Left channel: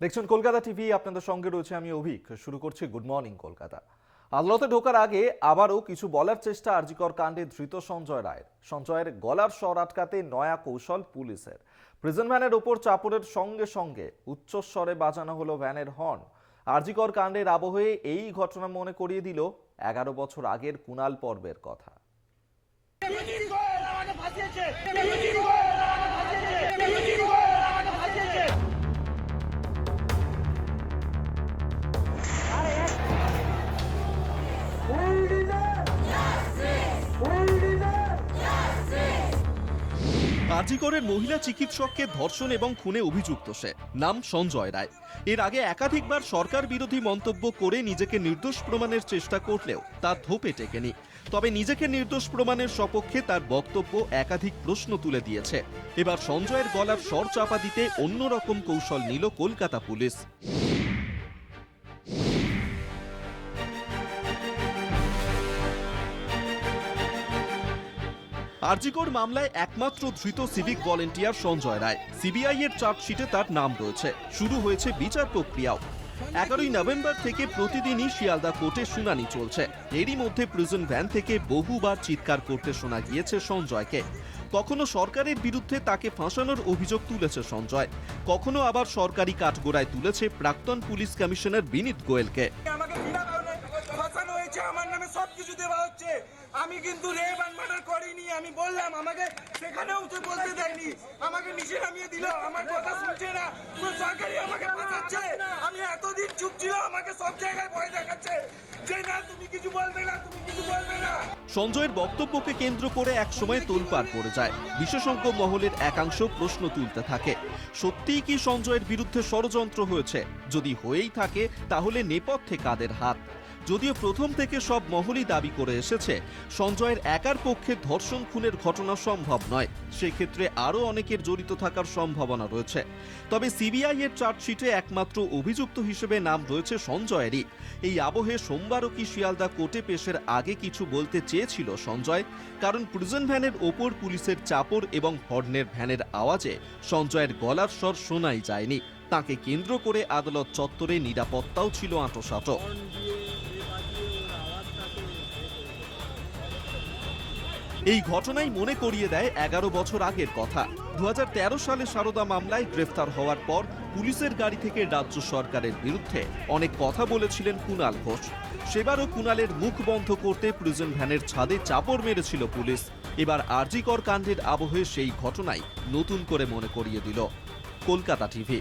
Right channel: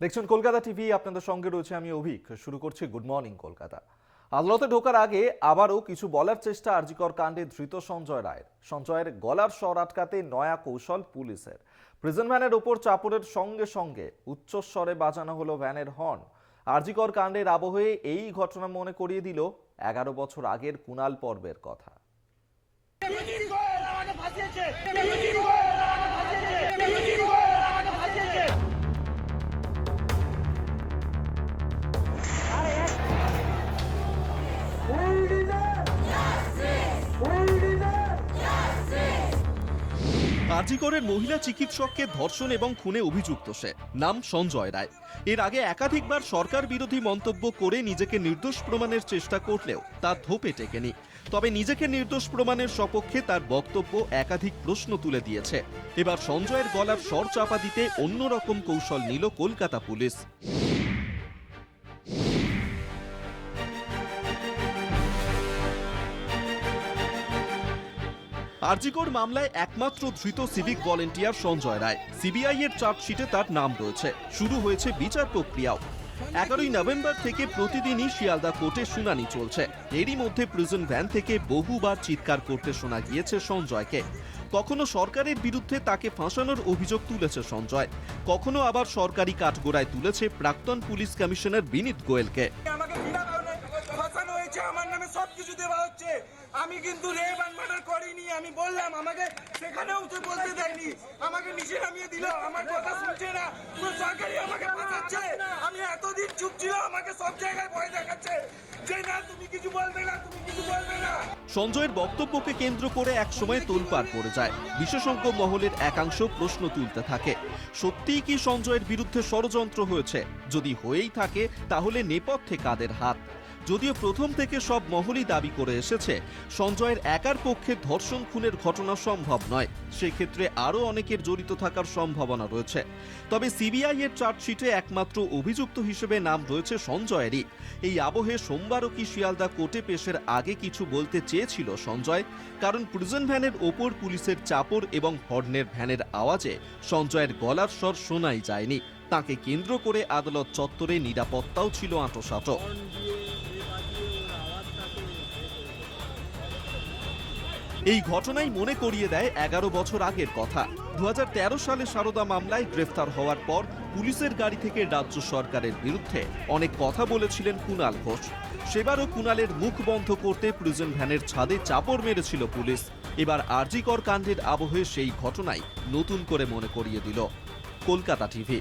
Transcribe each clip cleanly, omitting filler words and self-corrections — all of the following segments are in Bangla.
দেখছেন কলকাতা টিভি, আপনাদের সঙ্গে রয়েছে আমি অভিক। শুরু করছি গুড মর্নিং কলকাতা। আদালতে ঢোকার আগে আবারও কিছু বলার চেষ্টা আর জি কর কাণ্ডে ধৃত সঞ্জয় রায়ের। সঞ্জয়ের গলার স্বর আটকাতে নয়া কৌশল পুলিশের। প্রিজন ভ্যানের ওপর চাপড়ের সঙ্গে সঙ্গে উচ্চস্বরে বাজানো হলো ভ্যানের হর্ন। আর জি কর কাণ্ডের আবহে এই ঘটনা মনে করিয়ে দিল 11 বছর আগের কুণাল পর্বের কথা। আজিকরের মহিলা চিকিৎসককে ধর্ষণ এবং খুনে অভিযুক্ত সে, নাম সঞ্জয় রায়। এর আগে একাধিকবার সরকার বিরোধী মন্তব্য করে নিজেকে নির্দোষ প্রমাণের চেষ্টা করলেও তা ধোপে টেকেনি। তবে নিজেকে নির্দোষ প্রমাণের সপক্ষে তার বক্তব্য একাধিক প্রশ্ন তুলে দিয়েছে। এবার সঞ্জয়ের গলার স্বর চাপা দিতে অন্যরকম কৌশল নিল কলকাতা পুলিশ। আরজিকর মামলায় একমাত্র ধৃত civic volunteer Sanjay Roy. CBI এর চার্জশিটে তার নাম রয়েছে। শুরু হয়েছে বিচার প্রক্রিয়াও। 11ই নভেম্বর থেকে প্রতিদিনই শিয়ালদা কোর্টে শুনানি চলছে। এরই মধ্যে প্রিজন ভ্যান থেকে বহুবার চিৎকার করতে শোনা গিয়েছে সঞ্জয়কে। কখনো সরকারের বিরুদ্ধে তাকে ফাঁসানোর অভিযোগ তুলেছে সঞ্জয়, কখনো আবার সরকারি কাঠগোড়ায় তুলেছে প্রাক্তন পুলিশ কমিশনার বিনীত গোয়েলকে। আমার নামে সবকিছু দেওয়া হচ্ছে, আমি কিন্তু রেপ এন্ড মার্ডার করিনি। আমি বললাম, আমাকে সেখানেও তো বলতে দেয়নি, আমাকে নিচে নামিয়ে দিল, আমার কথা শুনছে না, পুরো সরকারি আমাকে ফাঁসাচ্ছে। আমি এতদিন চুপ ছিল, আমাকে সব জায়গায় ভয় দেখাচ্ছে যে না তুমি কিছু বলবে না, তুমি কিছু বলবে না। সঞ্জয়ের বক্তব্যকে কেন্দ্র করে একসময় তোলপাড় পড়ে যায়। বিশেষজ্ঞ মহলের একাংশ প্রশ্ন তুলতে থাকে, সত্যিই কি সঞ্জয়ের বিরুদ্ধে ষড়যন্ত্র হয়েছে? যদি হয়েই থাকে তাহলে নেপথ্যে কাদের হাত? যদিও প্রথম থেকে সব মহলই দাবি করে এসেছে সঞ্জয়ের একার পক্ষে ধর্ষণ খুনের ঘটনা সম্ভব নয়, সেক্ষেত্রে আরও অনেকের জড়িত থাকার সম্ভাবনা রয়েছে। তবে সিবিআই এর চার্জশিটে একমাত্র অভিযুক্ত হিসেবে নাম রয়েছে সঞ্জয়েরই। এই আবহে সোমবারও কি শিয়ালদা কোর্টে পেশের আগে কিছু বলতে চেয়েছিল সঞ্জয়? কারণ প্রিজন ভ্যানের ওপর পুলিশের চাপড় এবং হর্নের ভ্যানের আওয়াজে সঞ্জয়ের গলার স্বর শোনাই যায়নি। তাকে কেন্দ্র করে আদালত চত্বরে নিরাপত্তাও ছিল আঁটোসাঁটো। এই ঘটনাই মনে করিয়ে দেয় 11 বছর আগের কথা। 2013 সালে সারদা মামলায় গ্রেফতার হওয়ার পর পুলিশের গাড়ি থেকে রাজ্য সরকারের বিরুদ্ধে অনেক কথা বলেছিলেন কুণাল ঘোষ। সেবারও কুণালের মুখ বন্ধ করতে প্রিজন ভ্যানের ছাদে চাপড় মেরেছিল পুলিশ। এবার আরজি কর কাণ্ডের আবহে সেই ঘটনাই নতুন করে মনে করিয়ে দিল কলকাতা টিভি।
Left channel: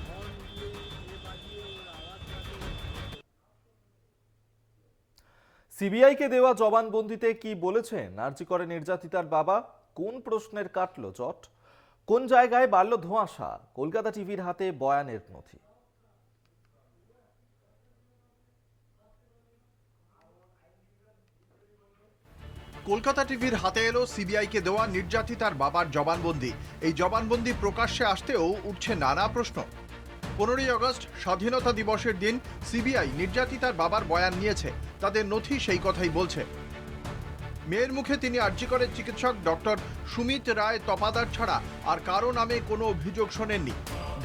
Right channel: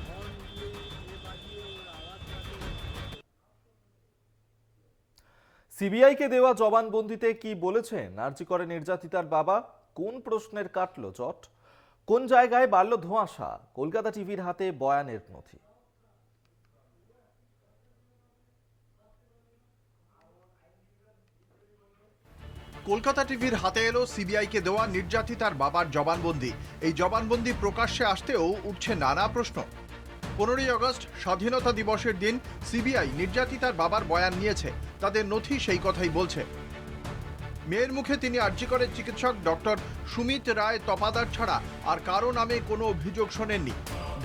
সিবিআইকে দেওয়া জবানবন্দিতে কি বলেছেন আর জি করে নির্যাতিতার বাবা? কোন প্রশ্নের কাটলো জট? কোন জায়গায় বাড়ল ধোঁয়াশা? কলকাতা টিভির হাতে বয়ানের নথি। কলকাতা টিভির হাতে এলো সিবিআইকে দেওয়া নির্যাতিতার বাবার জবানবন্দি। এই জবানবন্দি প্রকাশ্যে আসতেও উঠছে নানা প্রশ্ন। 15ই আগস্ট স্বাধীনতা দিবসের দিন সিবিআই নির্যাতিতার বাবার বয়ান নিয়েছে। তাদের নথি সেই কথাই বলছে। মেয়ের মুখে তিনি আরজি করের চিকিৎসক ডক্টর সুমিত রায় তপাদার ছাড়া আর কারো নামে কোনো অভিযোগ শোনেননি।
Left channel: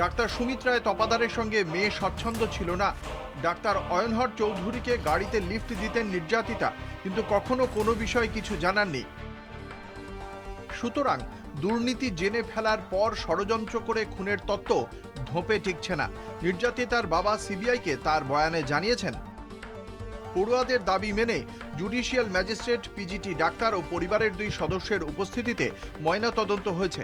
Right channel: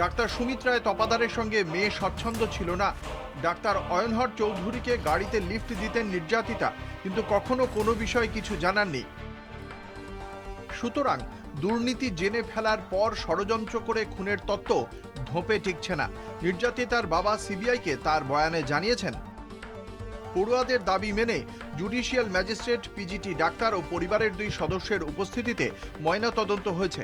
ডাক্তার সুমিত রায় তপাদারের সঙ্গে মেয়ে স্বচ্ছন্দ ছিল না। ডাক্তার অয়নহর চৌধুরীকে গাড়িতে লিফট দিতেন নির্যাতিতা, কিন্তু কখনো কোনো বিষয়ে কিছু জানাননি। সুতরাং দুর্নীতি জেনে ফেলার পর ষড়যন্ত্র করে খুনের তত্ত্ব ধোপে টিকছে না। নির্যাতিতার বাবা সিবিআইকে তার বয়ানে জানিয়েছেন, পড়ুয়াদের দাবি মেনে জুডিশিয়াল ম্যাজিস্ট্রেট, পিজিটি ডাক্তার ও পরিবারের 2 সদস্যের উপস্থিতিতে ময়নাতদন্ত হয়েছে।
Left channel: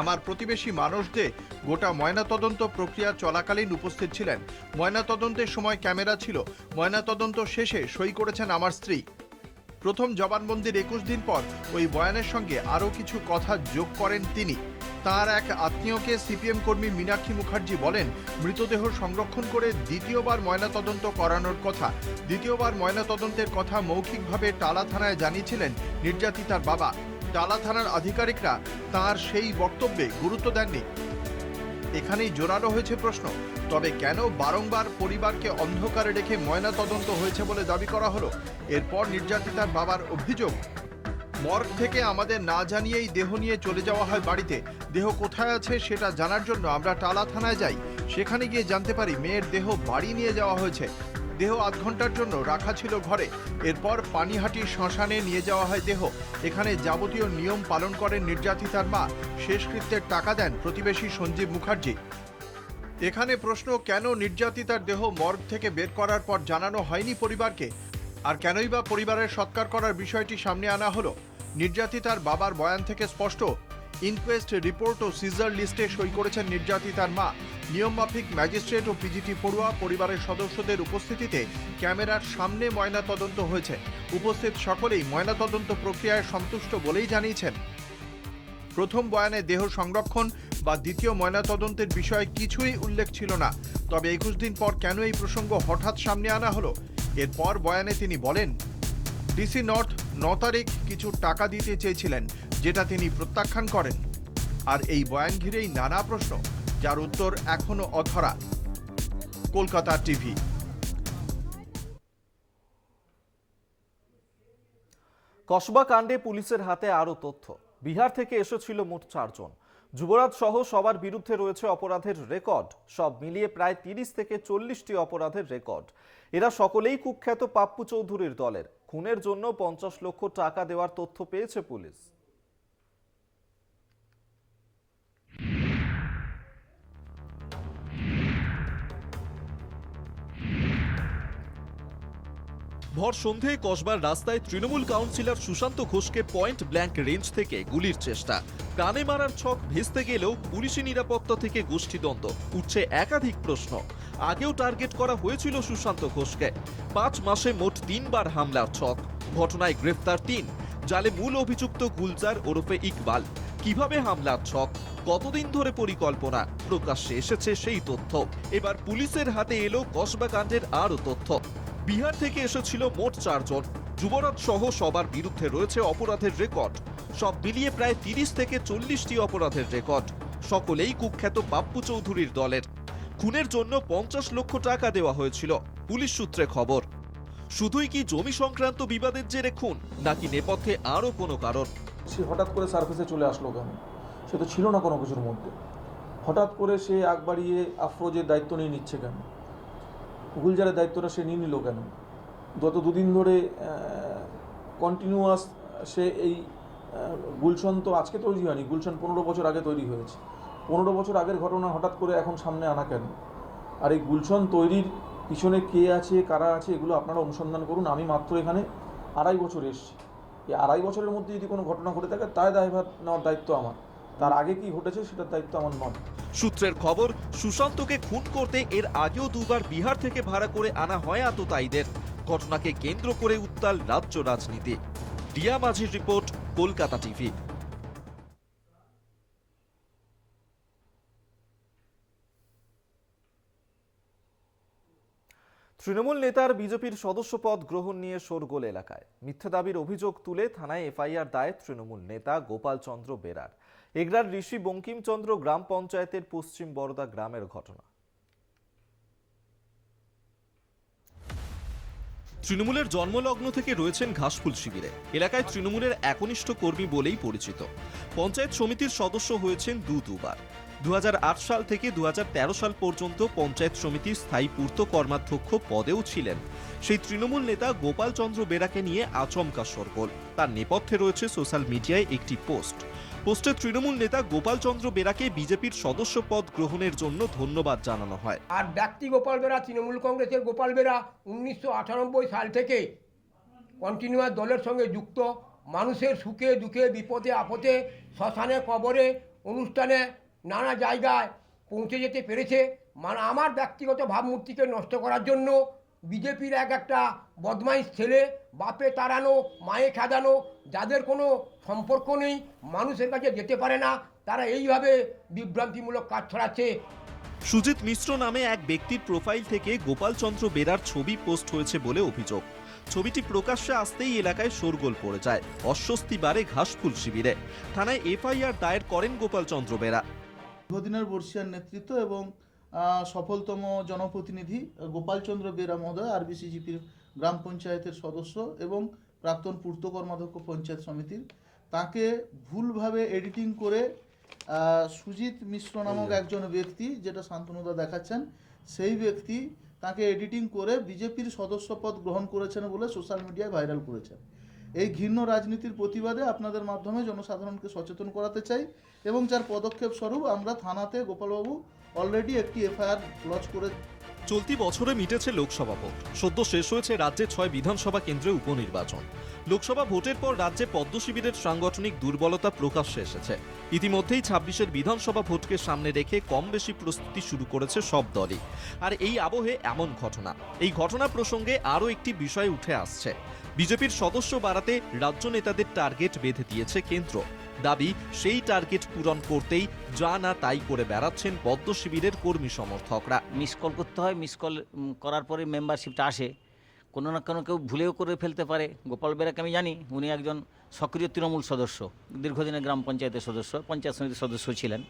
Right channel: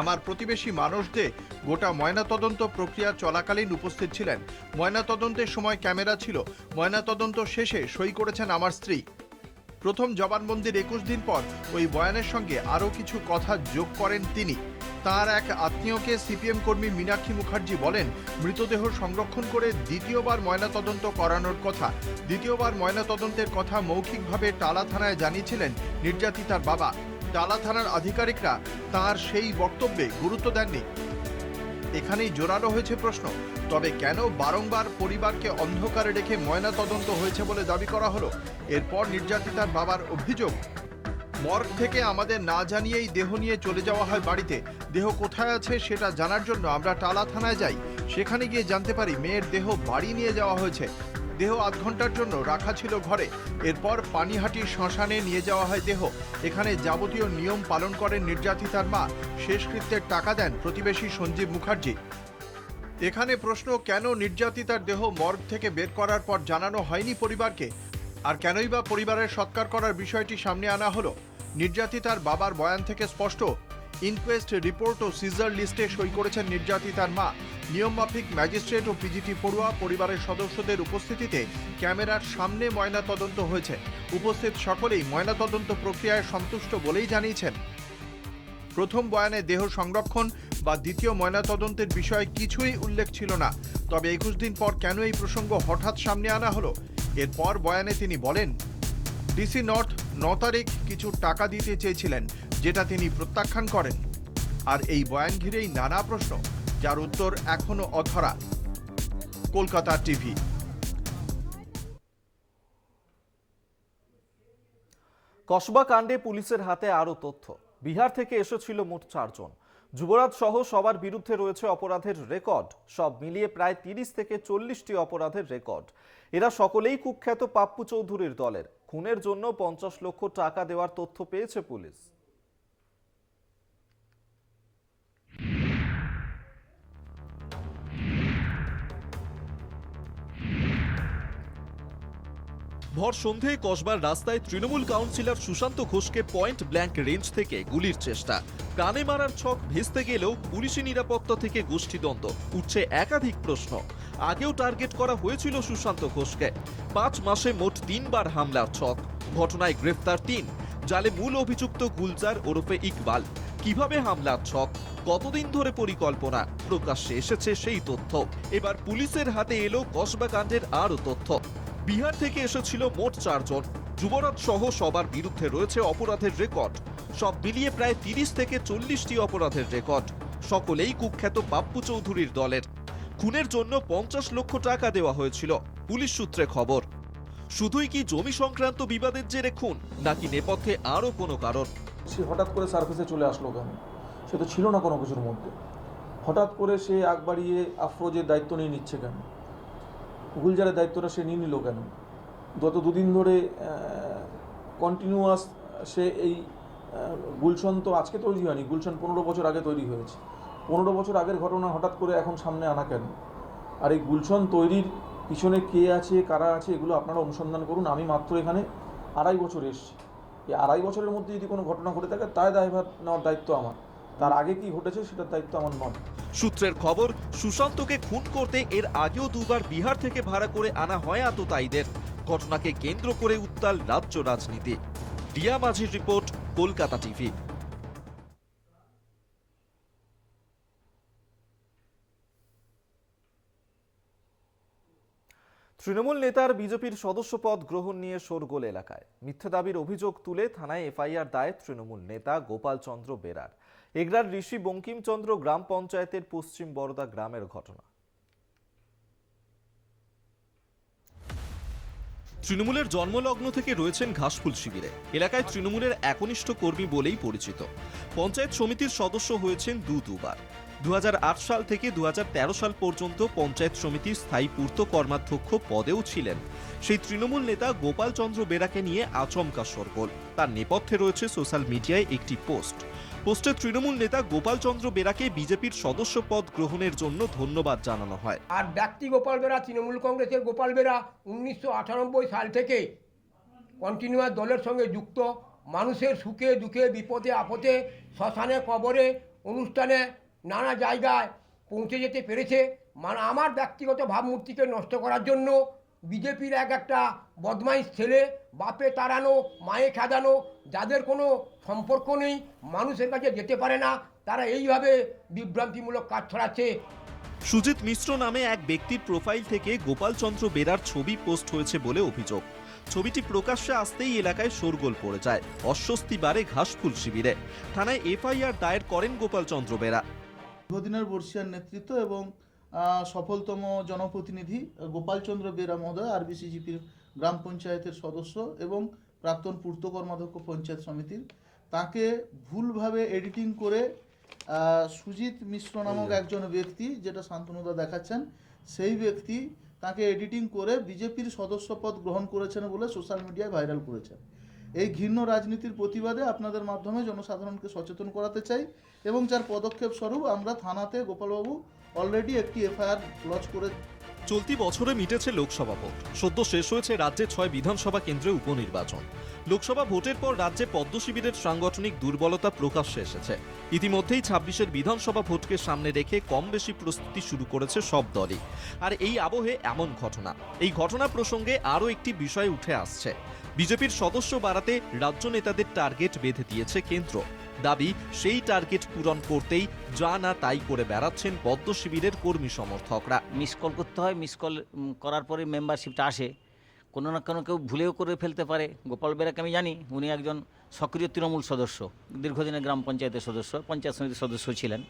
আমার প্রতিবেশী মানুষ দে গোটা ময়নাতদন্ত প্রক্রিয়া চলাকালীন উপস্থিত ছিলেন। ময়নাতদন্তের সময় ক্যামেরা ছিল। ময়নাতদন্ত শেষে সই করেছেন আমার স্ত্রী। প্রথম জবানবন্দির 21 দিন পর ওই বয়ানের সঙ্গে আরও কিছু কথা যোগ করেন তিনি। তার এক আত্মীয়কে সিপিএম কর্মী মীনাক্ষী মুখার্জি বলেন, মৃতদেহ সংরক্ষণ করে দ্বিতীয়বার ময়নাতদন্ত করানোর কথা। দ্বিতীয়বার ময়নাতদন্তের কথা মৌখিকভাবে টালা থানায় জানিয়েছিলেন নির্যাতিতার বাবা। টালা থানার আধিকারিকরা তার সেই বক্তব্যে গুরুত্ব দেননি। এখানেই জোরালো হয়েছে প্রশ্ন, তবে কেন বারংবার পরিবারকে অন্ধকারে রেখে ময়নাতদন্ত হয়েছে বলে দাবি করা হলো? এরপর নির্যাতিতার বাবার অভিযোগ, মর্গ থেকে আমাদের না জানিয়েই দেহ নিয়ে চলে যাওয়া হয় বাড়িতে। দেহ কোথায় আছে সেটা জানার জন্য আমরা টালা থানায় যাই। সেখানে গিয়ে জানতে পারি মেয়ের দেহ বাড়ি নিয়ে যাওয়া হয়েছে। দেহ আধ ঘন্টার জন্য রাখা ছিল ঘরে। এরপর পানিহাটি শ্মশানে নিয়ে যাওয়া হয় দেহ। এখানে যাবতীয় নিয়ম পালন করেন নির্যাতিতার মা। শেষকৃত্যের টাকা দেন প্রতিবেশী সঞ্জীব মুখার্জি। এখানে প্রশ্ন, কেন নির্যাতিতার দেহ মর্গ থেকে বের করার পর জানানো হয়নি পরিবারকে? আর কেনই বা পরিবারের সৎকার করার বিষয়টি সামনে আনা হলো? নির্যাতিতার বাবার বয়ান থেকে স্পষ্ট। ইনকোয়েস্ট রিপোর্ট ও সিজার লিস্টে সই করেছেন নির্যাতিতার মা। নিয়মমাফিক ম্যাজিস্ট্রেট ও পিজিটি পড়ুয়া পরিবারের সদস্যদের উপস্থিতিতে ক্যামেরার সামনে ময়নাতদন্ত হয়েছে। উপস্থিত সকলেই ময়নাতদন্ত প্রক্রিয়ায় সন্তুষ্ট বলেই জানিয়েছেন। প্রথম বয়ানে দেহ সংরক্ষণ বা দ্বিতীয় ময়নাতদন্তের বিষয়ে কিছুই উল্লেখ ছিল না। তবে 21 দিন পর কেন এই প্রসঙ্গ হঠাৎ সামনে আনা হলো? এরপর বয়ানে তিনি বলেন, ডিসি নর্থ 9 তারিখ কিছু টাকা দিতে চেয়েছিলেন, যেটা তিনি প্রত্যাখ্যান করেন। আর এই বয়ান ঘিরেই নানা প্রশ্ন, যার উত্তর এখনো অধরা। কলকাতা টিভি। কসবা কাণ্ডে পুলিশের হাতে আরও তথ্য। বিহার থেকে এসেছিল মোট 4 জন। যুবরাজ সহ সবার বিরুদ্ধে রয়েছে অপরাধের রেকর্ড। সব মিলিয়ে প্রায় 30 থেকে 40টি অপরাধের রেকর্ড। এরা সকলেই কুখ্যাত পাপ্পু চৌধুরীর দলের। খুনের জন্য 50 লক্ষ টাকা দেওয়ার তথ্য পেয়েছে পুলিশ। ভর সন্ধ্যায় কসবার রাস্তায় তৃণমূল কাউন্সিলর সুশান্ত ঘোষকে পয়েন্ট ব্ল্যাঙ্ক রেঞ্জ থেকে গুলির চেষ্টা। কানে মারার ছক ভেস্তে গেলেও পুলিশি নিরাপত্তা থেকে গোষ্ঠীদ্বন্দ্ব। উঠছে একাধিক প্রশ্ন। আগেও টার্গেট করা হয়েছিল সুশান্ত ঘোষকে। 5 মাসে মোট 3 বার হামলার ছক। ঘটনায় গ্রেফতার 3। জালে মূল অভিযুক্ত গুলজার ওরফে ইকবাল। কিভাবে হামলার ছক, কতদিন ধরে পরিকল্পনা, প্রকাশ্যে এসেছে সেই তথ্য। এবার পুলিশের হাতে এলো কসবা কাণ্ডের আরও তথ্য। বিহার থেকে এসেছিল মোট 4 জন। যুবরাজ সহ সবার বিরুদ্ধে রয়েছে অপরাধের রেকর্ড। সব মিলিয়ে প্রায় 30 থেকে 40টি অপরাধের রেকর্ড। সকলেই কুখ্যাত পাপ্পু চৌধুরীর দলের। খুনের জন্য 50 লক্ষ টাকা দেওয়া হয়েছিল, পুলিশ সূত্রে খবর। শুধুই কি জমি সংক্রান্ত বিবাদের জেরে খুন, নাকি নেপথ্যে আরও কোনো কারণ? সে হঠাৎ করে সার্ভিসে চলে আসলো কেন? সে তো ছিল না কোনো কিছুর মধ্যে। হঠাৎ করে সে আগ বাড়িয়ে আফরোজের দায়িত্ব নিয়ে নিচ্ছে কেন? গুলজারের দায়িত্বটা সে নিয়ে নিল কেন? গত 2 দিন ধরে কন্টিনিউয়াস সে এই গুলশন তো আজকে তৈরি হয়নি, গুলশন 15 বছর আগে তৈরি হয়েছে। 15 বছর আগের ঘটনা হঠাৎ করে এখন সামনে আনা কেন? আর এই গুলশন তৈরির পিছনে কে আছে, কারা আছে, এগুলো আপনারা অনুসন্ধান করুন। আমি মাত্র এখানে 2.5 বছর এসেছি। এই 2.5 বছরের মধ্যে যদি কোনো ঘটনা ঘটে থাকে, তাই দায়ভার নেওয়ার দায়িত্ব আমার। তার আগে কি ঘটেছে সেটার দায়িত্ব আমার নয়। সূত্রের খবর, সুশান্তকে খুন করতে এর আগেও 2 বার বিহার থেকে ভাড়া করে আনা হয় আততায়ীদের। ঘটনাকে কেন্দ্র করে উত্তাল রাজ্য রাজনীতি। রিয়া মাঝির রিপোর্ট, কলকাতা টিভি। তৃণমূল নেতার বিজেপির সদস্য পদ গ্রহণ নিয়ে শোরগোল এলাকায়। মিথ্যে দাবির অভিযোগ তুলে থানায় এফআইআর দায়ের তৃণমূল নেতা গোপাল চন্দ্র বেরার। এগরার ঋষি বঙ্কিমচন্দ্র গ্রাম পঞ্চায়েতের পশ্চিম বরদা গ্রামের ঘটনা। তৃণমূলের জন্মলগ্ন থেকে রয়েছেন ঘাসফুল শিবিরে। এলাকায় তৃণমূলের একনিষ্ঠ কর্মী বলেই পরিচিত। পঞ্চায়েত সমিতির সদস্য হয়েছেন দুবার। 2008 সাল থেকে 2013 সাল পর্যন্ত পঞ্চায়েত সমিতির স্থায়ী পূর্ত কর্মাধ্যক্ষ পদেও ছিলেন। সেই তৃণমূল নেতা গোপাল চন্দ্র বেরাকে নিয়ে আচমকা শোরগোল। তার নেপথ্যে রয়েছে সোশ্যাল মিডিয়ায় একটি পোস্টে তৃণমূল নেতা গোপাল চন্দ্র বেরাকে বিজেপির সদস্য পদ গ্রহণের জন্য ধন্যবাদ জানানো হয়। আর ব্যক্তি গোপাল বেরা, তৃণমূল কংগ্রেসের গোপাল বেরা 1998 সাল থেকে কন্টিনিউয়াস দলের সঙ্গে যুক্ত। মানুষের সুখে দুঃখে বিপদে আপদে শ্মশানে কবরে অনুষ্ঠানে নানা জায়গায় পৌঁছে যেতে পেরেছে। মানে আমার ব্যক্তিগত ভাবমূর্তিকে নষ্ট করার জন্য বিজেপির একটা বদমাইশ ছেলে, বাপে তাড়ানো মায়ে খেদানো, যাদের কোনো সম্পর্ক নেই, মানুষের কাছে যেতে পারে না, তারা এইভাবে বিভ্রান্তিমূলক কাজ ছড়াচ্ছে। সুজিত মিশ্র নামে এক ব্যক্তির প্রোফাইল থেকে গোপাল চন্দ্র বেরার ছবি পোস্ট হয়েছে বলে অভিযোগ। ছবিটি প্রকাশ্যে আসতেই এলাকায় শোরগোল পড়ে যায়। অস্বস্তি বাড়ে ঘাসফুল শিবিরে। থানায় এফআইআর দায়ের করেন গোপাল চন্দ্র বেরা। দীর্ঘদিনের বর্ষিয়ার নেতৃত্ব এবং সফলতম জনপ্রতিনিধি গোপাল চন্দ্র বেরা মহোদয় আরবিসিজিপির গ্রাম পঞ্চায়েতের সদস্য এবং প্রাক্তন পূর্ত কর্মাধ্যক্ষ পঞ্চায়েত সমিতির, তাকে ভুলভাবে এডিটিং করে সুজিত মিশ্র নামক একজন ব্যক্তি, যেটা শান্তনুদা দেখাচ্ছেন, সেই ব্যক্তি তাকে এডিটিং করে বিজেপির সদস্যপদ গ্রহণ করেছেন বলে সোশ্যাল মিডিয়ায় ভাইরাল করেছেন। এই ঘৃণ্য রাজনীতির প্রতিবাদে আপনাদের মাধ্যমে জনসাধারণকে সচেতন করাতে চাই, এবং যার পদক্ষেপ স্বরূপ আমরা থানাতে গোপালবাবু অলরেডি একটি এফআইআর লজ করে। চলতি বছরে মিটেছে লোকসভা ভোট, সদ্য শেষ হয়েছে রাজ্যে 6 বিধানসভা কেন্দ্রে উপনির্বাচন। লোকসভা ভোটের পর রাজ্যে পদ্ম শিবিরের সাংগঠনিক দুর্বলতা প্রকাশ্যে এসেছে। ইতিমধ্যেই 26-এর বিধানসভা ভোটকে সামনে রেখে কম বেশি প্রস্তুতি শুরু করেছে সব দলই। আর এই আবহে এমন ঘটনা, এই ঘটনা প্রসঙ্গে আরও একটি বিষয় উঠে আসছে। বিজেপির সদস্য বাড়াতে রাজ্য নেতাদের টার্গেট বেঁধে দিয়েছে কেন্দ্র। দাবি, সেই টার্গেট পূরণ করতেই যা না তাই করে বেড়াচ্ছেন পদ্ম শিবিরের কর্মী সমর্থকরা। মিস কল করতে হয়, মিস কল করার পরে মেম্বারশিপটা আসে। কোনো না কোনো কেউ ভুলেও করে ফেলতে পারে। গোপাল বেরাকে আমি জানি, উনি একজন সক্রিয় তৃণমূল সদস্য, দীর্ঘদিনের গ্রাম পঞ্চায়েতের সদস্য, পঞ্চায়েত সমিতির সদস্য ছিলেন।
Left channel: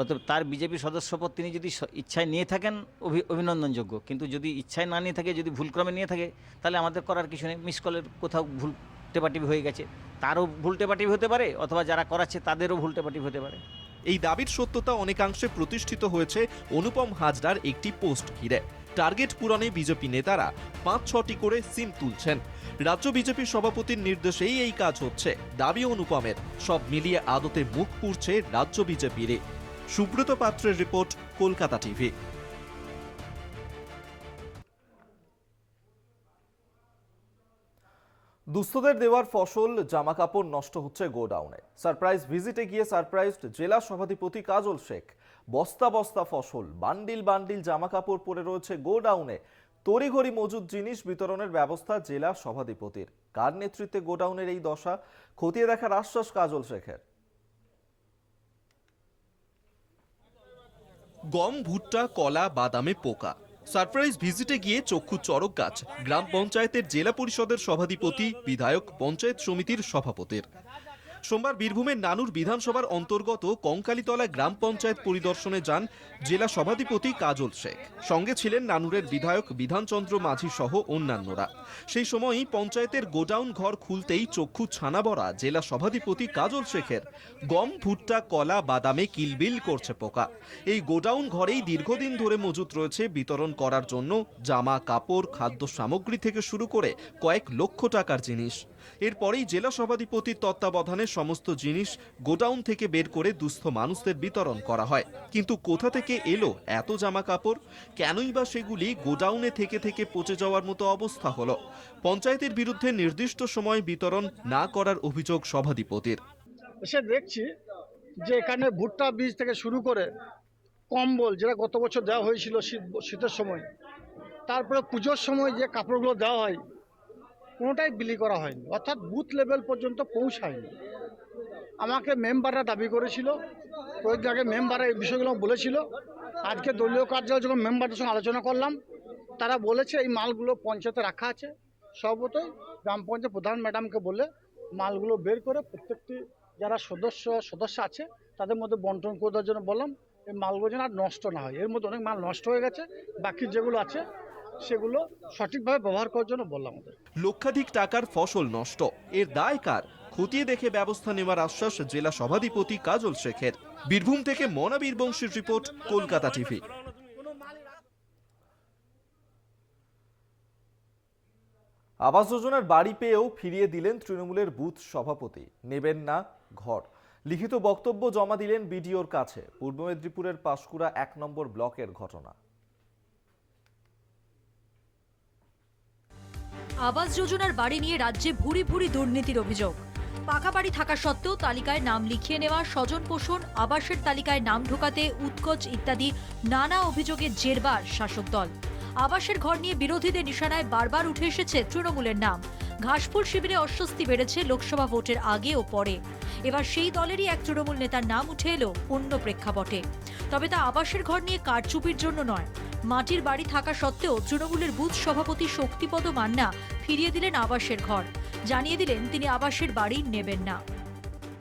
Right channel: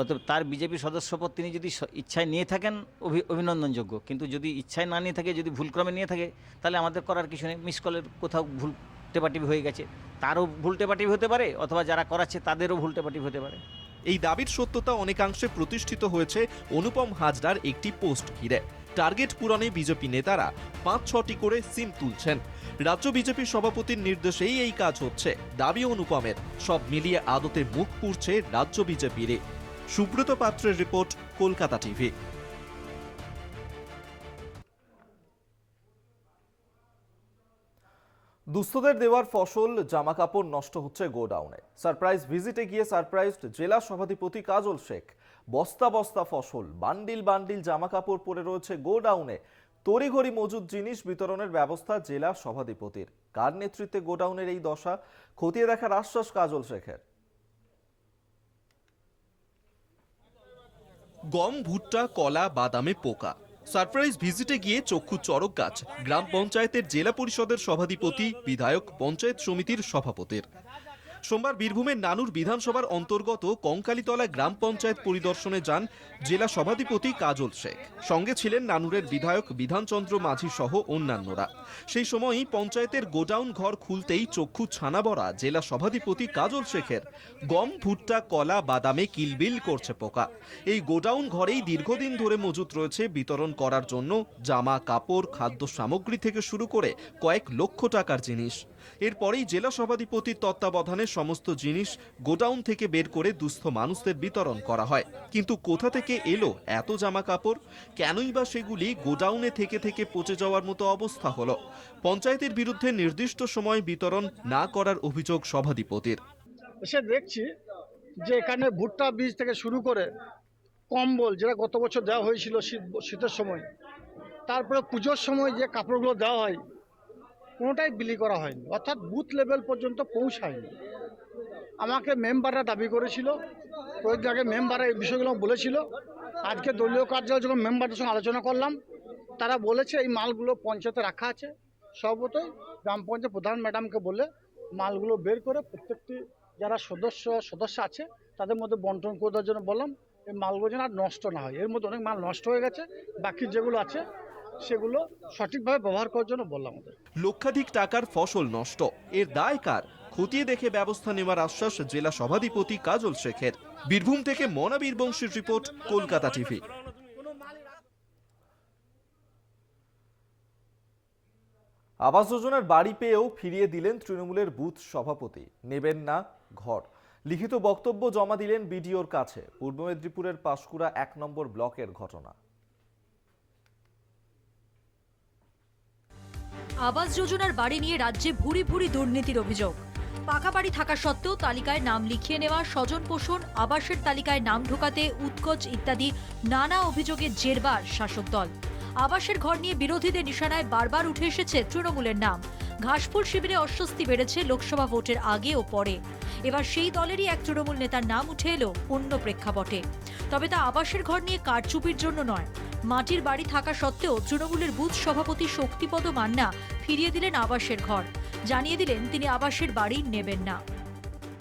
অতএব তার বিজেপি সদস্যপদ তিনি যদি ইচ্ছায় নিয়ে থাকেন অভিনন্দনযোগ্য, কিন্তু যদি ইচ্ছায় না নিয়ে থাকে, যদি ভুলক্রমে নিয়ে থাকে, তাহলে আমাদের করার কিছু নেই। মিস কলের কোথাও ভুল টেপাটিপি হয়ে গেছে, তারও ভুল টেপাটিপি হতে পারে, অথবা যারা করাচ্ছে তাদেরও ভুল টেপাটিপি হতে পারে। এই দাবির সত্যতা অনেকাংশে প্রতিষ্ঠিত হয়েছে অনুপম হাজরার একটি পোস্ট ঘিরে। টার্গেট পূরণে বিজেপি নেতারা 5-6টি করে সিম তুলছেন। রাজ্য বিজেপির সভাপতির নির্দেশেই এই কাজ হচ্ছে, দাবি অনুপমের। সব মিলিয়ে আদতে মুখ পুড়ছে রাজ্য বিজেপির। সুব্রত পাত্রের রিপোর্ট, কলকাতা টিভি। দুস্থদের দেওয়ার ফসল জামাকাপড় নষ্ট হচ্ছে গোডাউনে। সারপ্রাইজ ভিজিটে গিয়ে সারপ্রাইজড জেলা সভাধিপতি কাজল শেখ। বস্তা বস্তা ফসল, বান্ডিল বান্ডিল জামাকাপড় পড়ে রয়েছে গোডাউনে। তড়িঘড়ি মজুদ জিনিস বিতরণের ব্যবস্থা জেলা সভাধিপতির। কার নেতৃত্বে গোডাউনের এই দশা, খতিয়ে দেখার আশ্বাস কাজল শেখের। গম, ভুট্টা, কলা, বাদামে পোকা। সারপ্রাইজ ভিজিটে গিয়ে চক্ষু চড়ক গাছ গ্রাম পঞ্চায়েতের জেলা পরিষদের সভাধিপতি, বিধায়ক, পঞ্চায়েত সমিতির সভাপতির। সোমবার বীরভূমের নানুর বিধানসভার অন্তর্গত কঙ্কালীতলা গ্রাম পঞ্চায়েত পরিদর্শনে যান জেলা সভাধিপতি কাজল শেখ। সঙ্গে ছিলেন নানুরের বিধায়ক বিধানচন্দ্র মাঝি সহ অন্যান্যরা। সেই সময়ই পঞ্চায়েতের গোডাউন ঘর খুলতেই চক্ষু ছানা বড়া জেলা সভাধিপতি কাজল শেখের। গম, ভুট্টা, কলা, বাদামে কিলবিল করছে পোকা। এই গোডাউন ঘরেই দীর্ঘদিন ধরে মজুত রয়েছে বিতরণ করার জন্য জামা কাপড়, খাদ্য সামগ্রী থেকে শুরু করে কয়েক লক্ষ টাকার জিনিস। এরপরেই জেলা সভাধিপতির তত্ত্বাবধানে সমস্ত জিনিস গোডাউন থেকে বের করে দুস্থ মানুষদের বিতরণ করা হয়। কিন্তু কোথা থেকে এলো এত জামা কাপড়? কেনই বা সেগুলি গোডাউনে থেকে থেকে পচে যাওয়ার মতো অবস্থা হলো? পঞ্চায়েতের বিরুদ্ধে নির্দিষ্ট সময় বিতরণ না করার অভিযোগ সভাধিপতির। এসে দেখছি যে এখানে ভুট্টা বীজ থেকে শুরু করে কম্বল, যেটা গত বছর দেওয়া হয়েছিল শীতের সময়, তারপরে পুজোর সময় যে কাপড়গুলো দেওয়া হয়, কোনোটাই বিলি করা হয়নি, অর্থাৎ বুথ লেভেল পর্যন্ত পৌঁছায়নি। আমাকে মেম্বাররা দাবি করেছিল, কয়েকদিন আগে মেম্বাররা এই বিষয়গুলো বলেছিল। আজকে দলীয় কার্যালয়ে যখন মেম্বারদের সঙ্গে আলোচনা করলাম, তারা বলেছে এই মালগুলো পঞ্চায়েতে রাখা আছে। সর্বতই গ্রাম পঞ্চায়েত প্রধান ম্যাডামকে বলে মালগুলো বের করে প্রত্যেকটি যারা সদস্য আছে তাদের মধ্যে বন্টন করে দেওয়ার জন্য বললাম। এই মালগুলো যেন আর নষ্ট না হয়। এর মধ্যে অনেক মাল নষ্ট হয়ে গেছে, বাকি যেগুলো আছে সেগুলো সঠিকভাবে ব্যবহার করার জন্য বললাম ওদের। লক্ষাধিক টাকার ফসল নষ্ট, এর দায় কার? খতিয়ে দেখে ব্যবস্থা নেওয়ার আশ্বাস জেলা সভাধিপতি কাজল শেখের। বীরভূম থেকে মনাবীর বংশীর রিপোর্ট, কলকাতা টিভি। আবাস যোজনার বাড়ি পেয়েও ফিরিয়ে দিলেন তৃণমূলের বুথ সভাপতি। নেবেন না ঘর, লিখিত বক্তব্য জমা দিলেন বিডিওর কাছে। পূর্ব মেদিনীপুরের পাঁশকুড়া 1 নম্বর ব্লকের ঘটনা। আবাস যোজনার বাড়ি নিয়ে রাজ্যে ভুরি ভুরি দুর্নীতির অভিযোগ। পাকা বাড়ি থাকা সত্ত্বেও তালিকায় নাম লিখিয়ে নেওয়া, স্বজন পোষণ, আবাসের তালিকায় নাম ঢোকাতে উৎকোচ ইত্যাদি নানা অভিযোগের জেরবার শাসক দল। আবাসের ঘর নিয়ে বিরোধীদের নিশানায় বারবার উঠে এসেছে তৃণমূলের নাম। ঘাসফুল শিবিরে অস্বস্তি বেড়েছে লোকসভা ভোটের আগে ও পরে। এবার সেই দলেরই এক তৃণমূল নেতার নাম উঠে এলো অন্য প্রেক্ষাপটে। তবে তা আবাসের ঘর নিয়ে কারচুপির জন্য নয়। মাটির বাড়ি থাকা সত্ত্বেও তৃণমূলের বুথ সভাপতি শক্তিপদ মান্না ফিরিয়ে দিলেন আবাসের ঘর। জানিয়ে দিলেন তিনি আবাসের বাড়ি নেবেন না।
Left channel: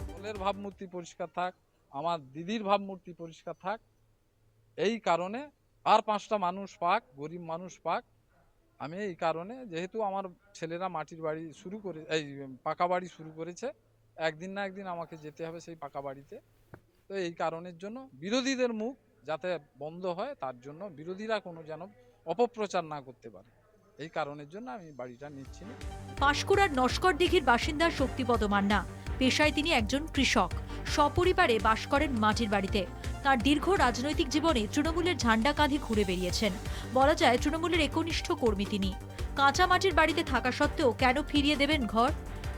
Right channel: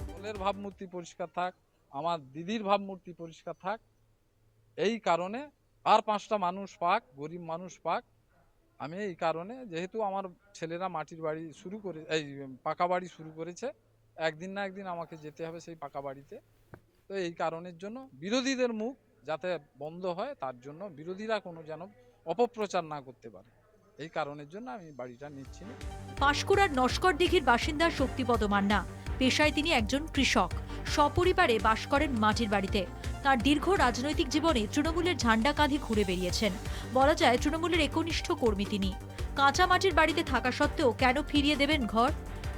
দলের ভাবমূর্তি পরিষ্কার থাক, আমার দিদির ভাবমূর্তি পরিষ্কার থাক, এই কারণে আর 5টা মানুষ পাক, গরিব মানুষ পাক, আমি এই কারণে, যেহেতু আমার ছেলেরা মাটির বাড়ি শুরু করে এই পাকা বাড়ি শুরু করেছে, একদিন না একদিন আমাকে যেতে হবে সেই পাকা বাড়িতে। তো এই কারণের জন্য বিরোধীদের মুখ যাতে বন্ধ হয়, তার জন্য বিরোধীরা কোনো যেন অপপ্রচার না করতে পারে, এই কারণের জন্য আমি বাড়িটা নিচ্ছি না। পাঁশকুড়ার নস্কর দিঘির বাসিন্দা শক্তিপদ মান্না। পেশায় তিনি একজন কৃষক, সপরিবারে বাস করেন মাটির বাড়িতে। তার দীর্ঘ রাজনৈতিক জীবনে তৃণমূলের ঝান্ডা কাঁধে ঘুরে বেরিয়েছেন। বলা যায় তৃণমূলের একনিষ্ঠ কর্মী তিনি। কাঁচা মাটির বাড়িতে থাকা সত্ত্বেও কেন ফিরিয়ে দেবেন ঘর?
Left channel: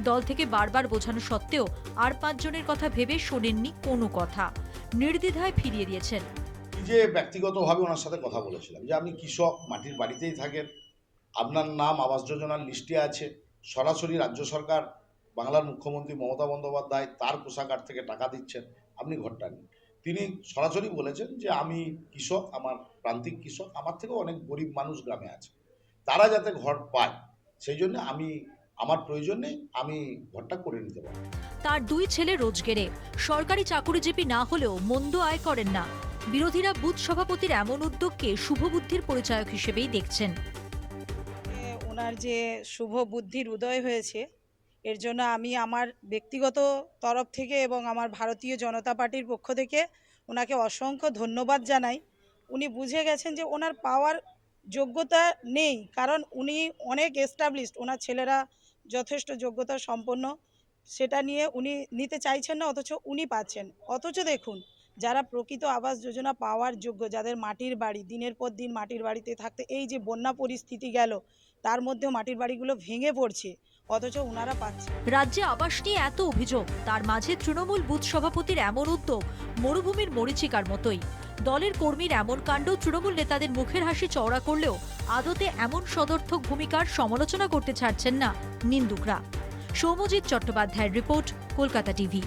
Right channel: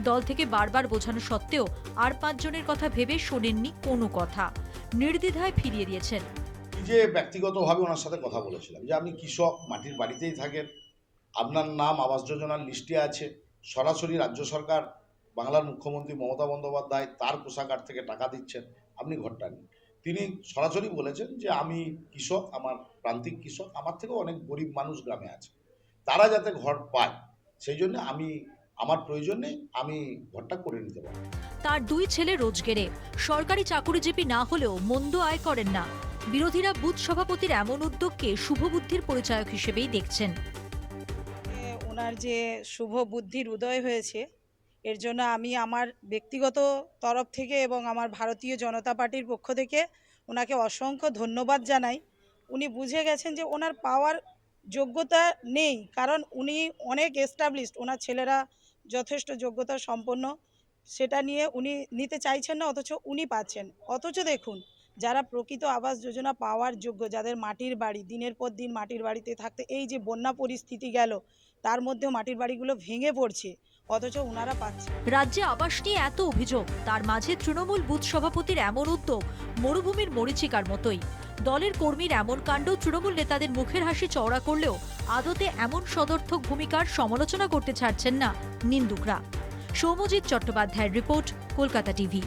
দল থেকে বারবার বোঝানো সত্ত্বেও আর 5 জনের কথা ভেবে শোনেননি কোনো কথা, নির্দ্বিধায় ফিরিয়ে দিয়েছেন। যে ব্যক্তিগতভাবে ওনার সাথে কথা বলেছিলাম যে আপনি কৃষক, মাটির বাড়িতেই থাকেন, আপনার নাম আবাস যোজনার লিস্টে আছে, সরাসরি রাজ্য সরকার, বাংলার মুখ্যমন্ত্রী মমতা বন্দ্যোপাধ্যায় তার কোষাগার থেকে টাকা দিচ্ছেন, আপনি ঘরটা নিন। তিনি সরাসরি বলেছেন যে আমি কৃষক, আমার প্রান্তিক কৃষক, আমার থেকেও অনেক গরিব মানুষ গ্রামে আছে, তারা যাতে ঘর পায় সেই জন্য আমার প্রয়োজন নেই, আমি ঘরটা করে নিতে পারি। তার 2 ছেলে রোজগেরে, সরকারি চাকুরিজীবী না হলেও মন্দ আয় করেন না। বিরোধীরা বুথ সভাপতির এমন উদ্যোগকে শুভবুদ্ধির পরিচায়ক হিসেবেই দেখছেন। ওনার যে শুভ বুদ্ধির উদয় হয়েছে, এর জন্য আমি আমার ব্যক্তিগত তরফ থেকে এবং আমার ভারতীয় জনতা পার্টির পক্ষ থেকে ওনাকে অসংখ্য ধন্যবাদ জানাই। উনি বুঝে গেছেন যে ওনার পাওয়ার যোগ্যতা নেই, কারণ উনি অনেক এস্টাবলিশড, ওনার ছেলেরা যথেষ্ট যোগ্যতা সম্পন্ন, সেটা নিয়ে উনি নিতে চাইছেন না, অথচ উনি পাচ্ছেন। অথচ দেখুন, যারা প্রকৃত আবাস যোজনা পাওয়ার যোগ্য, যাদের মাটির বাড়ি, দিনের পর দিন মাটির বাড়িতে থাকতে এই যে বন্যা পরিস্থিতি গেল, তার মধ্যেও মাটির বাড়িগুলো ভেঙে পড়ছে, অথচ ওনারা পাচ্ছে। রাজ্যে আবাস নিয়ে এত অভিযোগ, তার মাঝে তৃণমূল বুথ সভাপতির এমন উদ্যোগ মরুভূমির মরীচিকার মতোই। দলের কর্মীর এমন কাণ্ড তৃণমূল নেতাদের মুখের হাসি চওড়া করলেও আদতে এমন সদর্থক ভূমিকার সমালোচনা করতে ছাড়ছেন না নিন্দুকরা। সৌম্যজিৎ চট্টোপাধ্যায়ের রিপোর্ট, কলকাতা টিভি।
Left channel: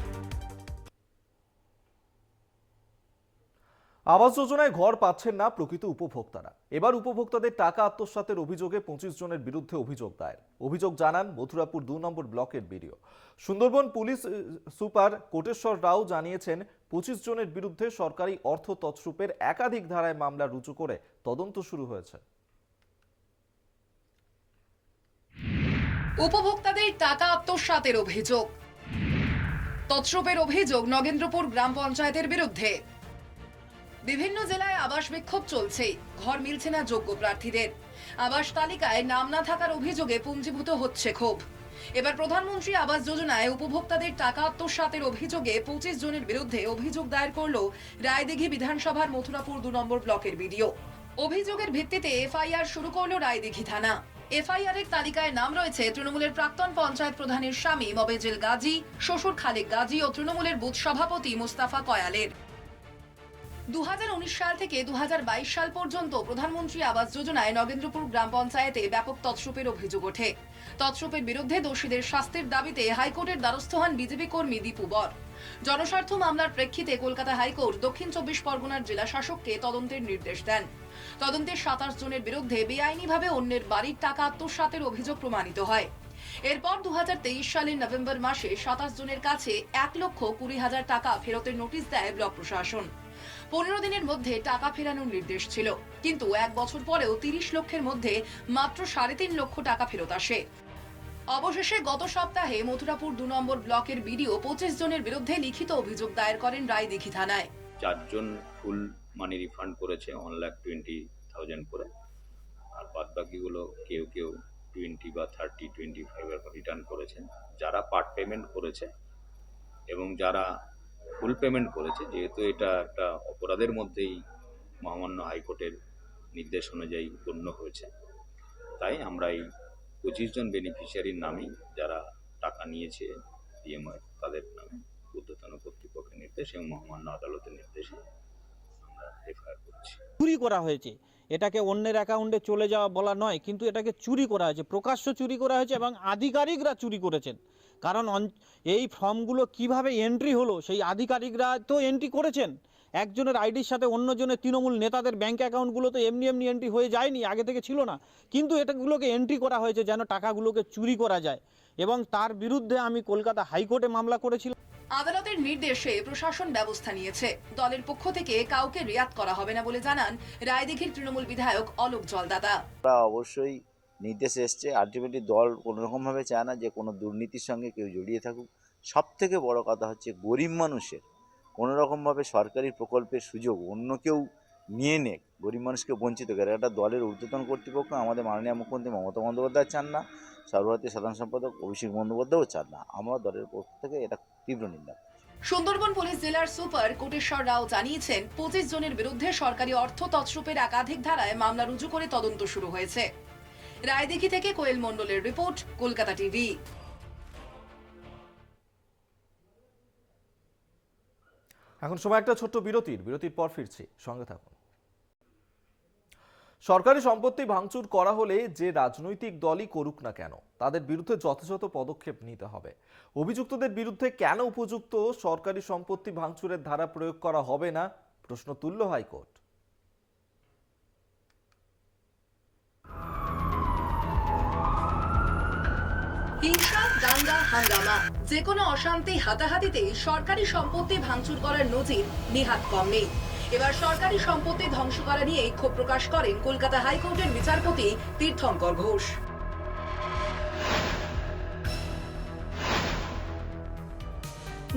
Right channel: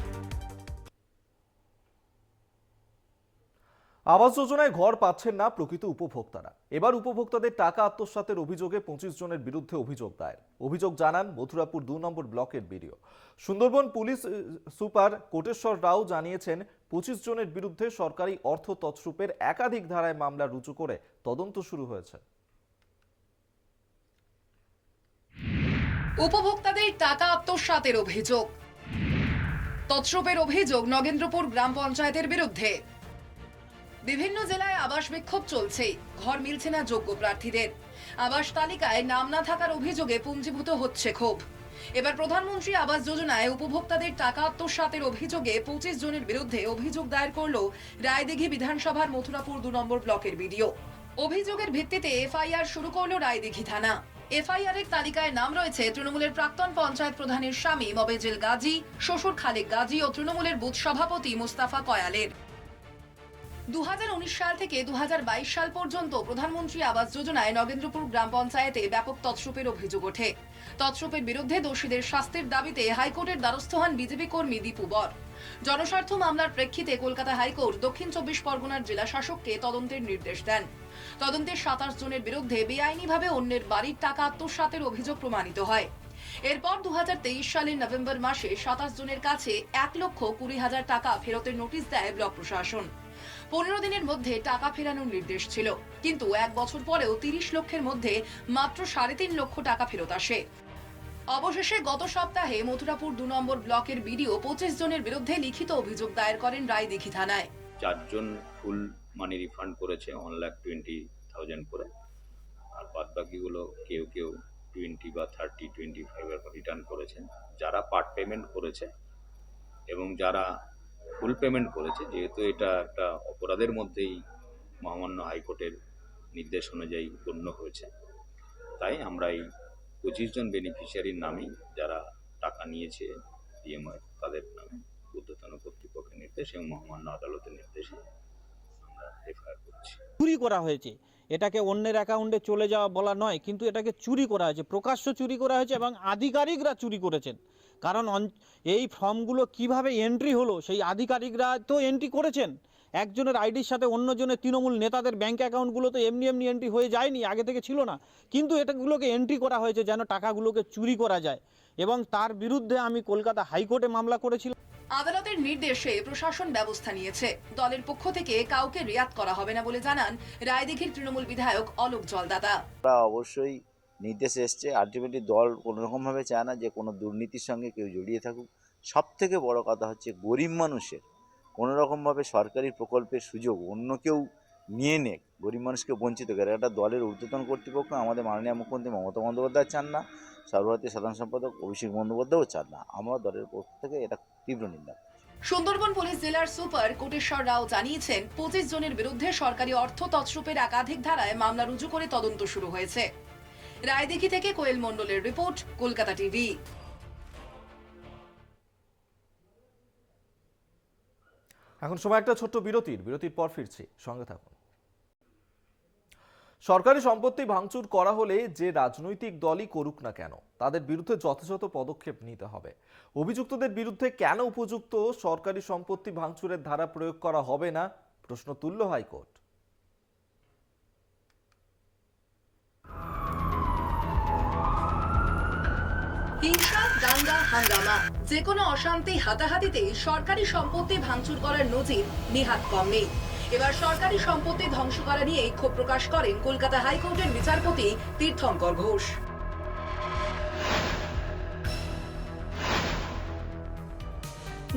আবাস যোজনায় ঘর পাচ্ছেন না প্রকৃত উপভোক্তারা। এবার উপভোক্তাদের টাকা আত্মসাতের অভিযোগে 25 জনের বিরুদ্ধে অভিযোগ দায়ের। অভিযোগ জানান মথুরাপুর 2 নম্বর ব্লকের BDO. Sundarban police super Koteshwar Rao জানিয়েছেন 25 জনের বিরুদ্ধে সরকারি অর্থ তছরূপের একাধিক ধারায় মামলা রুজু করে তদন্ত শুরু হয়েছে। উপভোক্তাদের টাকা আত্মসাতের অভিযোগ, তছরূপের অভিযোগ নগেন্দ্রপুর গ্রাম পঞ্চায়েতের বিরুদ্ধে। বিভিন্ন জেলায় আবাস বিক্ষোভ চলছে, ঘর মিলছে না যোগ্য প্রার্থীদের। আবাস তালিকায় নাম না থাকার অভিযোগে পুঞ্জীভূত হচ্ছে ক্ষোভ। এবার প্রধানমন্ত্রী আবাস যোজনায় উপভোক্তাদের টাকা আত্মসাতের অভিযোগে 25 জনের বিরুদ্ধে অভিযোগ দায়ের করল রায়দিঘি বিধানসভার মথুরাপুর 2 নম্বর ব্লকের বিডিও। অভিযোগের ভিত্তিতে এফআইআর শুরু করল রায়দিঘি থানা। এফআইআর এর তালিকায় নাম রয়েছে তৃণমূলের প্রাক্তন পঞ্চায়েত প্রধানের স্বামী মবেজেল গাজী, শ্বশুর খালেক গাজী ও তৃণমূলের বুথ সভাপতি মুস্তাফা কয়ালের। 2019 সাল থেকে 2022 সাল পর্যন্ত প্রধানমন্ত্রী আবাস যোজনায় নগেন্দ্রপুর গ্রাম পঞ্চায়েতে ব্যাপক তছরূপের অভিযোগ ওঠে। তছরূপের বিরুদ্ধে দোষীদের শাস্তির দাবিতে হাইকোর্টের দ্বারস্থ হন বিজেপি কর্মী দীপু বর। জনস্বার্থ মামলার প্রেক্ষিতে কলকাতা হাইকোর্ট দক্ষিণ 24 পরগনার জেলা শাসককে তদন্তের নির্দেশ দেন। তদন্তে 27 জনের বিরুদ্ধে বেআইনিভাবে অন্যের বাড়ির টাকা আত্মসাতের অভিযোগ প্রমাণিত হয়। এরপর 2023 সালের নভেম্বর মাসে 27 জনের কাছে 1,20,000 টাকা ফেরতের নোটিশ দেয় ব্লক প্রশাসন। 15 দিনের মধ্যে টাকা ফেরানোর নির্দেশ ছিল, কিন্তু 1 বছর পরেও 30 লক্ষের মধ্যে মাত্র 3.5 লক্ষ টাকা ফেরত আসে। অবশেষে গত সপ্তাহে মথুরাপুর 2 নম্বর ব্লকের বিডিও 25 জনের বিরুদ্ধে লিখিত অভিযোগ দায়ের করেন রায়দিঘি থানায়। 4 জন ফুল মানি রিফান্ড করেছে 1,20,000 করে, আর বাদ বাকিগুলো কেউ 20 বা 30, 25 এরকম রিটার্ন করেছেন। যারা পার্ট পেমেন্ট করেছে এবং যারা ফুল পেমেন্ট করেছে, যেহেতু এটা একটা অপরাধের মধ্যেই মহামান্য হাইকোর্টের নির্দেশ অনুযায়ী গণ্য হয়েছে, তাই আমরা এই 25 জন বেনিফিশিয়ারির নামেই যারা টাকা নিয়েছে পিএমআই, তাদের নামে ঊর্ধ্বতন কর্তৃপক্ষের নির্দেশ এবং মহামান্য আদালতের নির্দেশে আমরা এফআইআর করছি। চুরি করা হয়েছে, এটাকে অন্যের অ্যাকাউন্টে চলে যাওয়া বলা নয়, কিন্তু এটাকে চুরি করা হয়েছে, প্রকাশ্য চুরি করা হয়েছে এবং আধিকারিকরা চুরি করেছেন। কারণ এই ফর্মগুলো কিভাবে এন্ট্রি হলো সেই আধিকারিকরা তো এন্ট্রি করেছেন। একজনের আইডির সাথে অন্যজনের তৃণমূল নেতাদের ব্যাংক অ্যাকাউন্টগুলো তো এমনি এন্ট্রি হয়ে যায়নি, আগে থেকে ছিল না, কিন্তু এটাগুলোকে এন্ট্রি করা হয়েছে যেন টাকাগুলোকে চুরি করা যায়, এবং তার বিরুদ্ধে আমি কলকাতা হাইকোর্টে মামলা করেছিলাম। আদালতের নির্দেশে প্রশাসন ব্যবস্থা নিয়েছে। দলের পক্ষ থেকে কাউকে রিয়াত করা হবে না বলে জানান রায়দিঘির তৃণমূল বিধায়ক অলোক জলদাতা। আমরা অবশ্যই নির্দেশ এসছে। আলটিমেটলি দল কোনোরকমভাবে চায় না যে কোনো দুর্নীতির সঙ্গে কেউ জড়িয়ে থাকুক। সব থেকে বড় কথা হচ্ছে গরিব মানুষের কোনোরকমভাবে সরকারি প্রকল্পের সুযোগ অন্য কেউ নিয়ে নে, গরিব মানুষকে বঞ্চিত করে। একটা দলের ঊর্ধ্বতন কর্তৃপক্ষ আমাদের মাননীয় মুখ্যমন্ত্রী মমতা বন্দ্যোপাধ্যায় চান না, সর্বভারতীয় সাধারণ সম্পাদক অভিষেক বন্দ্যোপাধ্যায়ও চান না। আমরা দলের পক্ষ থেকে এটা তীব্র নিন্দা। সুন্দরবন পুলিশ জেলার সুপার কোটেশ্বর রাও জানিয়েছেন 25 জনের বিরুদ্ধে সরকারি অর্থ তছরূপের একাধিক ধারায় মামলা রুজু করে তদন্ত শুরু হয়েছে। রায়দিঘি থেকে কোয়েল মণ্ডলের রিপোর্ট, কলকাতা টিভি। এখন সময় একটা ছোট্ট বিরতির পর ফিরছি, সঙ্গে থাকুন। সরকারি সম্পত্তি ভাঙচুর করা হলে যে রাজনৈতিক দলই করুক না কেন তাদের বিরুদ্ধে যথাযথ পদক্ষেপ নিতে হবে। অভিযুক্তদের বিরুদ্ধে কেন উপযুক্ত সরকারি সম্পত্তি ভাঙচুরের ধারা প্রয়োগ করা হবে না, প্রশ্ন তুলল হাইকোর্ট। হিংসা, দাঙ্গা, হাঙ্গামা, যে কোনো অশান্তি, হাতাহাতিতে সরকারি সম্পত্তি ভাঙচুর করার নজির নিহাত কম নেই। এবার সরকারি সম্পত্তি ধ্বংস করা নিয়ে ক্ষোভ প্রকাশ করেন কলকাতা হাইকোর্টের বিচারপতি তীর্থঙ্কর ঘোষ।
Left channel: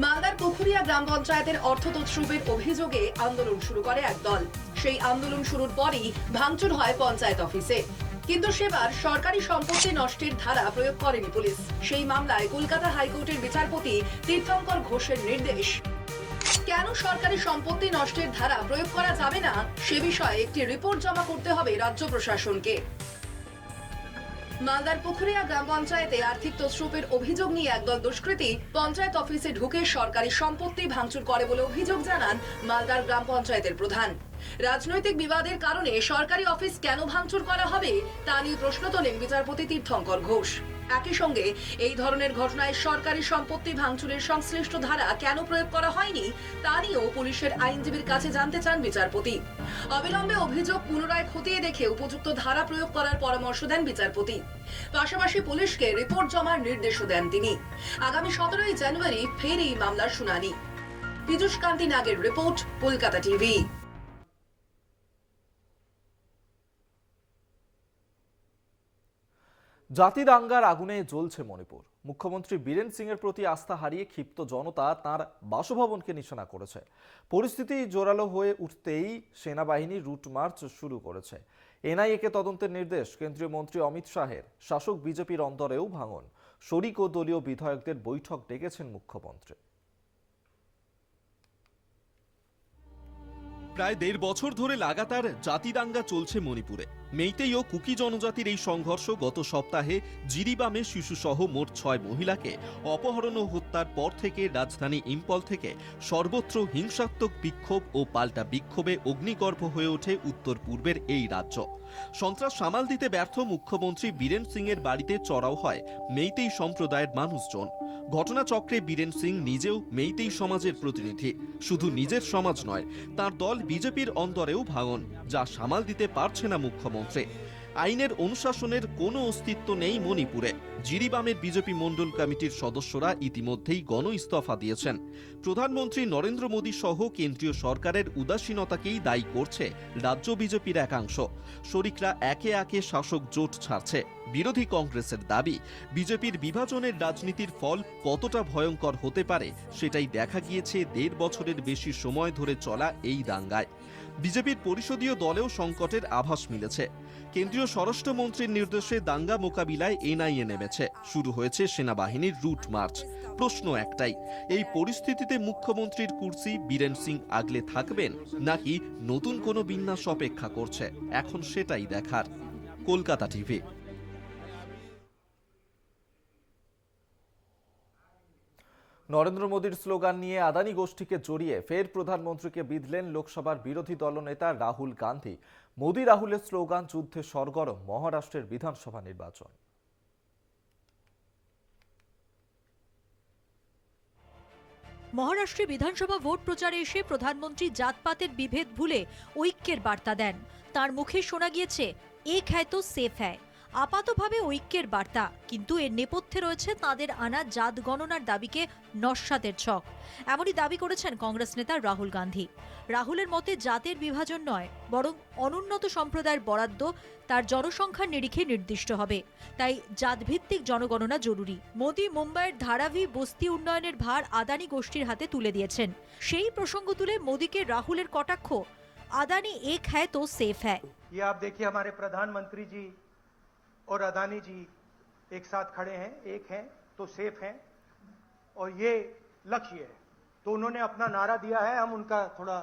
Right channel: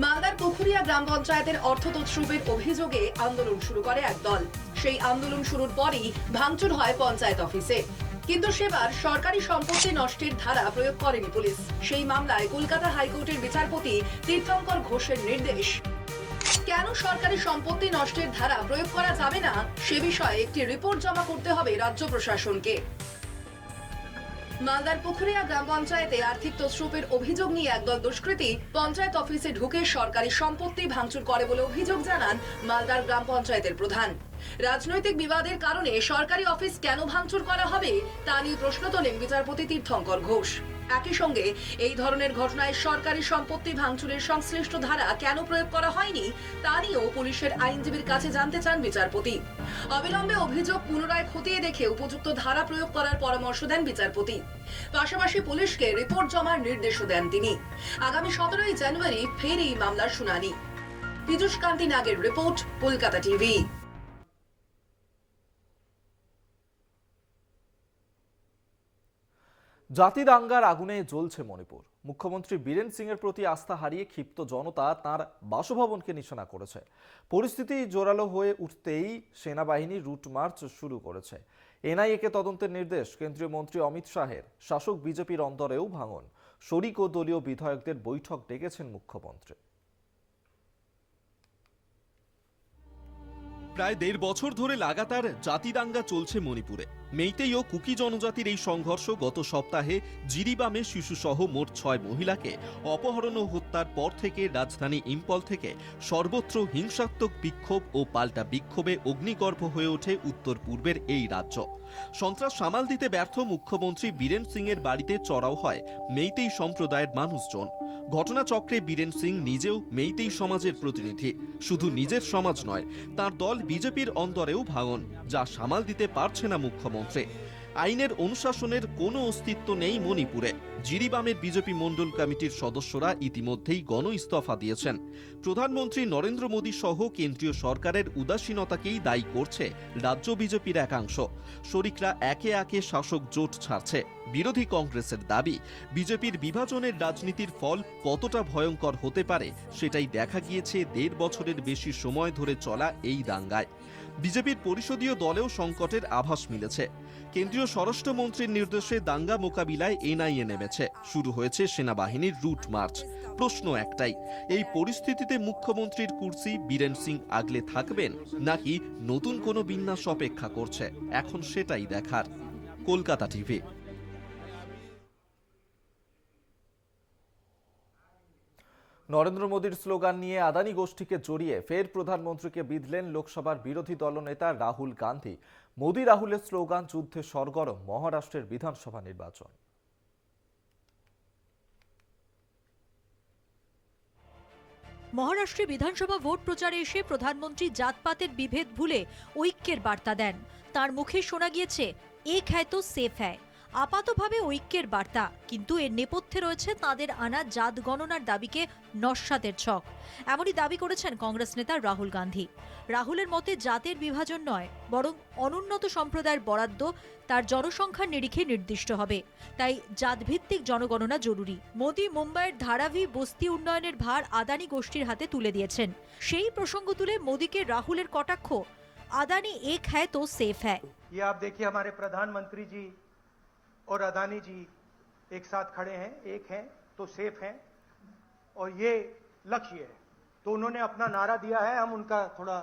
মালদার পুকুরিয়া গ্রাম পঞ্চায়েতের অর্থ তছরূপের অভিযোগে আন্দোলন শুরু করে একদল। সেই আন্দোলন শুরুর পরই ভাঙচুর হয় পঞ্চায়েত অফিসে। কিন্তু সেবার সরকারি সম্পত্তি নষ্টের ধারা প্রয়োগ করেনি পুলিশ। সেই মামলায় কলকাতা হাইকোর্টের বিচারপতি তীর্থঙ্কর ঘোষের নির্দেশ, কেন সরকারি সম্পত্তি নষ্টের ধারা প্রয়োগ করা যাবে না সে বিষয়ে একটি রিপোর্ট জমা করতে হবে রাজ্য প্রশাসনকে। মালদার পুকুরিয়া গ্রাম পঞ্চায়েতে আর্থিক তছরূপের অভিযোগ নিয়ে একদল দুষ্কৃতী পঞ্চায়েত অফিসে ঢুকে সরকারি সম্পত্তি ভাঙচুর করে বলে অভিযোগ জানান মালদার গ্রাম পঞ্চায়েতের প্রধান। রাজনৈতিক বিবাদের কারণে সরকারি অফিস কেন ভাঙচুর করা হবে তা নিয়ে প্রশ্ন তোলেন বিচারপতি তীর্থঙ্কর ঘোষ। একই সঙ্গে এই ধরনের ঘটনায় সরকারি সম্পত্তি ভাঙচুরের সংশ্লিষ্ট ধারা কেন প্রয়োগ করা হয়নি তা নিয়েও পুলিশের আইনজীবীর কাছে জানতে চান বিচারপতি। অবিলম্বে অভিযোগ পুনরায় খতিয়ে দেখে উপযুক্ত ধারা প্রয়োগ করার পরামর্শ দেন বিচারপতি। পাশাপাশি পুলিশকে রিপোর্ট জমার নির্দেশও দেন তিনি। আগামী 17 জানুয়ারি ফের এই মামলার শুনানি। পীযূষ কান্তি নাগের রিপোর্ট, কলকাতা টিভি। জাতি দাঙ্গার আগুনে জ্বলছে মণিপুর। মুখ্যমন্ত্রী বীরেন সিং এর প্রতি আস্থা হারিয়ে ক্ষিপ্ত জনতা তার বাসভবনকে নিশানা করেছে। পরিস্থিতি জোরালো হয়ে উঠতেই সেনাবাহিনী রুট মার্চ শুরু করেছে। এনআইএ-কে তদন্তের নির্দেশ কেন্দ্রীয় মন্ত্রী অমিত শাহের। শাসক বিজেপির অন্দরেও ভাঙন। শরিক ও দলীয় বিধায়কদের বৈঠক ডেকেছেন মুখ্যমন্ত্রী। প্রায় 1.5 বছর ধরে লাগাতার জাতি দাঙ্গা চলছে মণিপুরে। মেইতেই ও কুকি জনজাতির এই সংঘর্ষ গত সপ্তাহে জিরিবামে শিশুসহ মোট 6 মহিলাকে অপহরণ ও হত্যার পর থেকে রাজধানী ইম্ফল থেকে সর্বত্র হিংসাত্মক বিক্ষোভ ও পাল্টা বিক্ষোভে অগ্নিগর্ভ হয়ে ওঠে উত্তর পূর্বের এই রাজ্য। সন্ত্রাস সামাল দিতে ব্যর্থ মুখ্যমন্ত্রী বীরেন সিং এর বাড়িতে চড়াও হয় মেইতেই সম্প্রদায়ের মানুষজন। ঘটনাচক্রে বীরেন সিং নিজেও মেইতেই সমাজের প্রতিনিধি। শুধু নিজের সমাজ নয়, তার দল বিজেপির অন্দরেও ভাঙন, যা সামাল দিতে পারছে না মুখ্যমন্ত্রী। আইনের অনুশাসনের কোনো অস্তিত্ব নেই মণিপুরে। জিরিবামের বিজেপি মণ্ডল কমিটির সদস্যরা ইতিমধ্যেই গণ ইস্তফা দিয়েছেন। প্রধানমন্ত্রী নরেন্দ্র মোদী সহ কেন্দ্রীয় সরকারের উদাসীনতাকেই দায়ী করছে রাজ্য বিজেপির একাংশ। শরিকরা একে একে শাসক জোট ছাড়ছে। বিরোধী কংগ্রেসের দাবি, বিজেপির বিভাজনের রাজনীতির ফল কতটা ভয়ঙ্কর হতে পারে সেটাই দেখা গিয়েছে 1.5 বছরের বেশি সময় ধরে চলা এই দাঙ্গায়। বিজেপির পরিষদীয় দলেও সংকটের আভাস মিলেছে। কেন্দ্রীয় স্বরাষ্ট্রমন্ত্রীর নির্দেশে দাঙ্গা মোকাবিলায় এনআইএ নেমেছে। শুরু হয়েছে সেনাবাহিনীর রুট মার্চ। প্রশ্ন একটাই, এই পরিস্থিতিতে মুখ্যমন্ত্রীর কুর্সি বীরেন সিং আগলে থাকবেন নাকি নতুন কোনো বিন্যাস অপেক্ষা করছে? এখন সেটাই দেখার। কলকাতা টিভি। নরেন্দ্র মোদীর স্লোগান নিয়ে আদানি গোষ্ঠীকে জড়িয়ে ফের প্রধানমন্ত্রীকে বিঁধলেন লোকসভার বিরোধী দলনেতা রাহুল গান্ধী। মোদী রাহুলের স্লোগান যুদ্ধে সরগরম মহারাষ্ট্রের বিধানসভা নির্বাচন। মহারাষ্ট্রে বিধানসভা ভোট প্রচারে এসে প্রধানমন্ত্রী জাতপাতের বিভেদ ভুলে ঐক্যের বার্তা দেন। তার মুখে শোনা গিয়েছে এক হ্যায় তো সেফ হ্যায়। আপাতভাবে ঐক্যের বার্তা, কিন্তু এর নেপথ্যে রয়েছে তাদের আনা জাত গণনার দাবিকে নস্যাতের ছক। এমনই দাবি করেছেন কংগ্রেস নেতা রাহুল গান্ধী। রাহুলের মতে জাতের বিভাজন নয়, বরং অনুন্নত সম্প্রদায়ের বরাদ্দ তার জনসংখ্যার নিরিখে নির্দিষ্ট হবে। তাই জাতভিত্তিক জনগণনা জরুরি। মোদী মুম্বাইয়ের ধারাবি বস্তি উন্নয়নের ভার আদানি গোষ্ঠীর হাতে তুলে দিয়েছেন। সেই প্রসঙ্গ তুলে মোদীকে রাহুলের কটাক্ষ, আদানি এক হ্যায় তো সেফ হ্যায়। ये आप देखिए हमारे प्रधानमंत्री जी और अदानी जी एक साथ खड़े हैं, एक हैं तो सेफ हैं, और ये लक्ष्य है। तो उन्होंने अपना नारा दिया है, हम उनका थोड़ा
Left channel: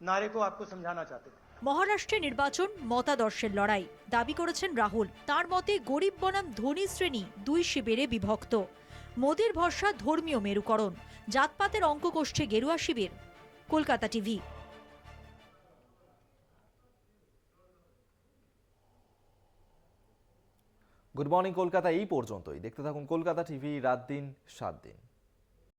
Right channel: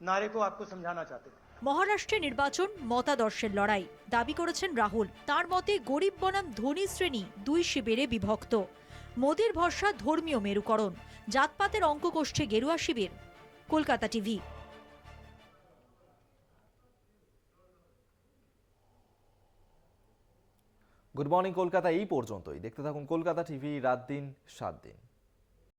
नारे को आपको समझाना चाहते हैं। মহারাষ্ট্রে নির্বাচন মতাদর্শের লড়াই, দাবি করেছেন রাহুল। তার মতে গরিব বনাম ধনী শ্রেণী দুই শিবিরে বিভক্ত। মোদীর ভরসা ধর্মীয় মেরুকরণ, জাতপাতের অঙ্ক কষছে গেরুয়া শিবির। Kolkata TV. Good morning Kolkata এই পর্যন্তই। দেখতে থাকুন কলকাতা টিভি, রাত দিন 7 দিন।